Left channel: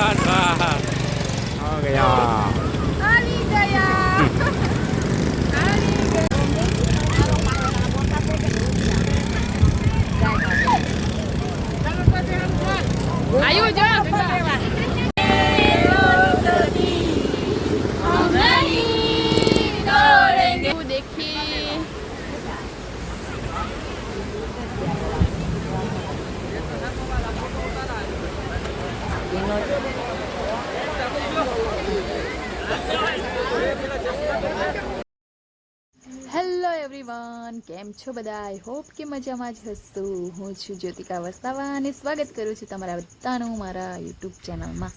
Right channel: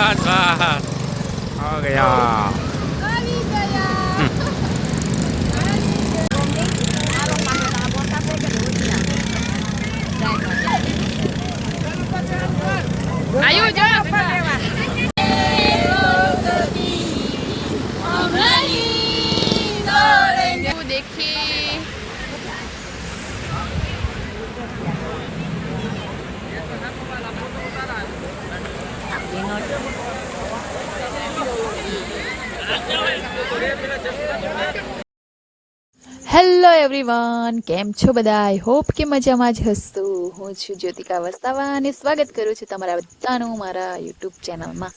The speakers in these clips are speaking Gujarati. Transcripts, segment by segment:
बस बस हो गया आयु जो देखिए હેલો એવરીવન, કેમ છો બધા? આઈ હોપ કે મજામાં જ હશો. હું છું જ્યોતિકા વસ્તાવા અને સ્વાગત કરું છું તમારા બધાનું મારા યુટ્યુબ ચેનલમાં.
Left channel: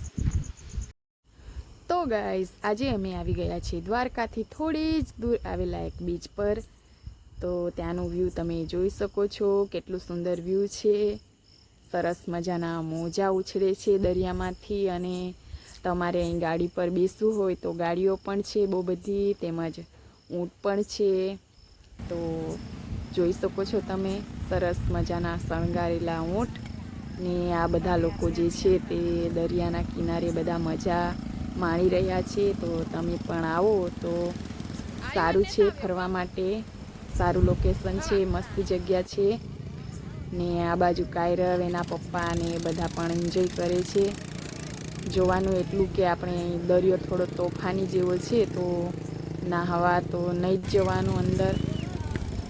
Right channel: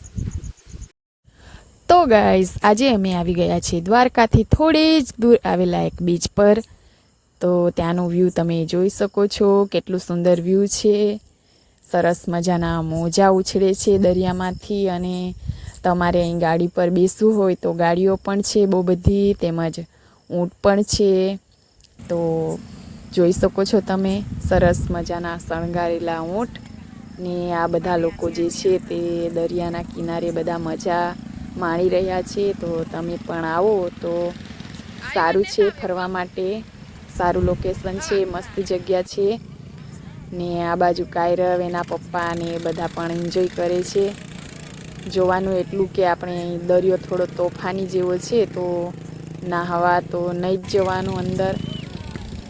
તો ગાઈઝ, આજે અમે આવી ગયા છીએ દ્વારકાથી થોડી જ દૂર આવેલા એક બીચ પર. તો ત્યાંનું વ્યૂ તમે જોઈ શકો છો, કેટલું સુંદર વ્યૂ છે. સરસ મજાના મોજા ઉછળે છે દરિયામાંથી, અને તમારે અહીં ગાડી પર બેસવું હોય તો ગાડીઓ પણ છે બહુ બધી, તેમજ ઊંટ પણ છે. તો જોઈ શકો છો તમે, સરસ મજાના શણગારેલા ઊંટ ને આ બધા લોકો જે છે તે દરિયાના કિનારે બધા મજા માણી રહ્યા છે. તો તમે પણ આવો તો સારું છે ફરવા માટે, સારું લોકેશન છે, મસ્ત જગ્યા છે. ને આ બાજુ કાયરવ, એના પપ્પા ને બધા પણ એન્જોય કરે છે. જોવાનું એટલું કે આપણે અહીં દરિયો થોડો તોફાની જેવો છે, તો નાહવા તો નહીં જ જવાનું અંદર.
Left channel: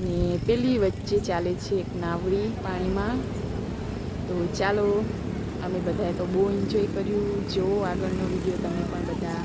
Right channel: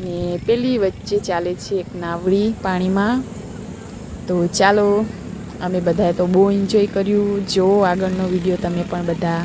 ને પેલી વચ્ચે ચાલે છે એક નાવડી પાણીમાં. તો ચાલો, અમે બધાએ તો બહુ એન્જોય કર્યું. જો આગળનો વિડીયો તમે પણ બધા.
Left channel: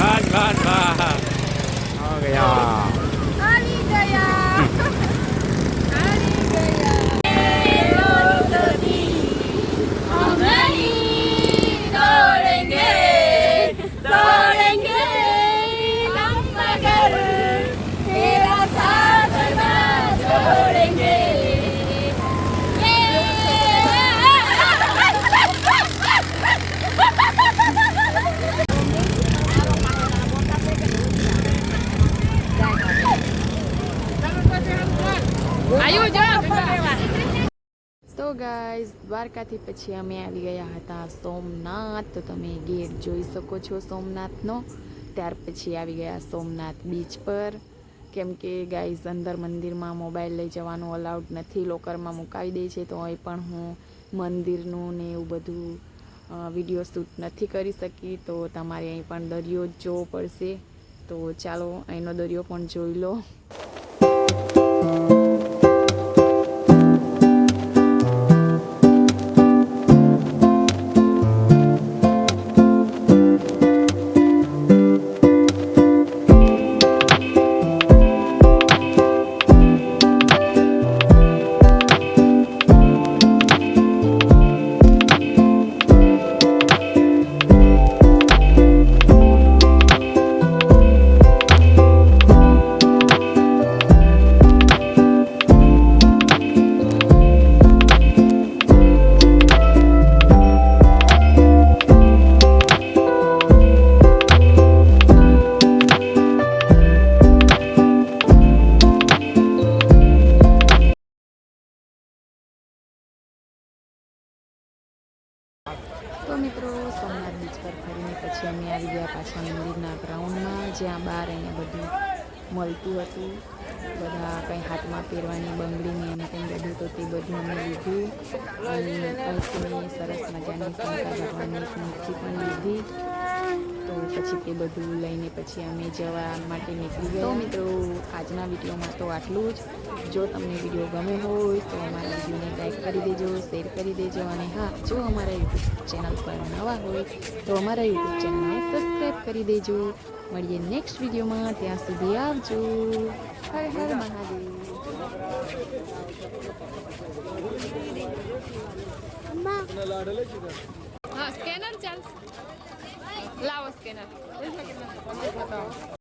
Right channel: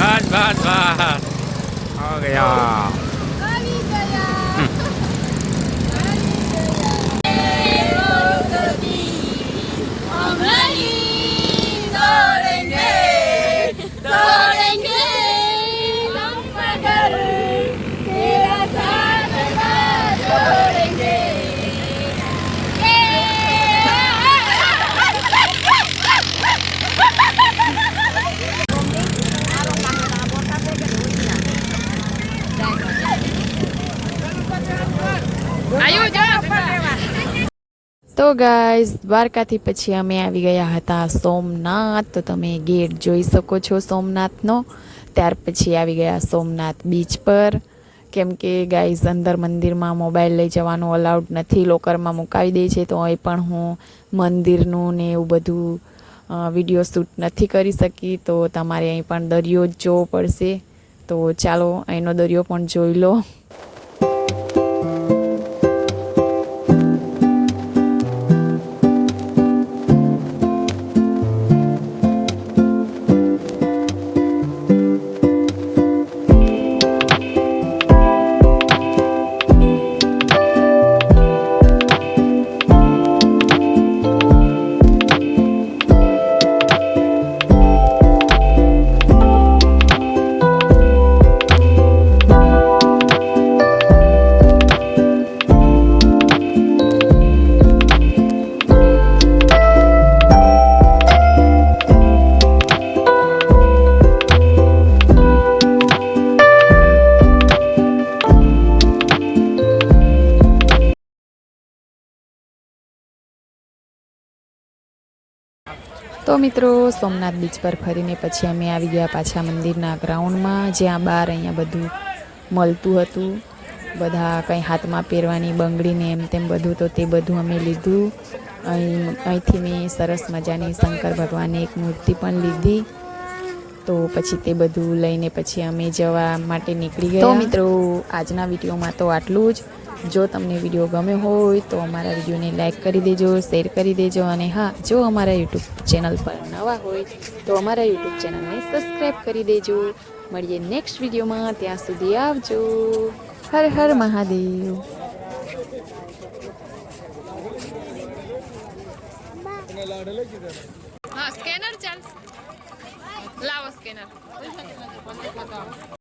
बस बस बस हो गया તો ગાઈઝ, દ્વારકાથી પછી અમે આવી ગયા હતા સોમનાથ. તો તમે ગેટ જોઈ શકો છો સોમનાથનો. ત્યાર પછી આવી ગયા સોમનાથ બીચ પર, કેમ કે ગાઈઝ અંદર મંદિરમાં મોબાઈલ લઈ જવાનું અલાઉડ નથી, લોકરમાં મુકાવી દે છે. તો અહીં પણ હું મંદિરનું ને એવું બધું વિડીયો શૂટ નથી કરી શકી. તો તમારે અહીં પણ દરિયો જ જોવો પડશે. તો ચાલો, અહીંનો દરિયો પણ જોઈ લો. તો મિત્રો, સોમનાથ બીચ પર ફરીને પછી અમે આવી ગયા પાછા મંદિરના ગ્રાઉન્ડમાં, જ્યાં બહાર અહીંયા બધું મળતું હતું. બધા કંઈ હાથમાં પહેરવાની બંગડીને એમ તેમ બધું, તો તે બધું અમે લીધું. અહીંથી મેં સરસ મજાની શંકર ભગવાનની એક મૂર્તિ પણ લીધી. તો પછી તે બધું લઈને પછી અમે જવા માટે નીકળી ગયા. તો મિત્રો, આજના વિડીયોમાં તો આટલું જ. જો તમને વિડીયો ગમ્યો હોય તો અમારા વિડીયોને લાઈક કરી દેજો, શેર કરી દેજો, અને હા, જો અમારા યુટ્યુબ ચેનલ પર નવા હોય તો અમારા યુટ્યુબ ચેનલને સબસ્ક્રાઈબ કરી દેજો. મળીએ નેક્સ્ટ વિડીયોમાં, ત્યાં સુધી આવજો. હર હર મહાદેવ. હા, સ્કેનર ચાલશે. લાવો સ્કેનર.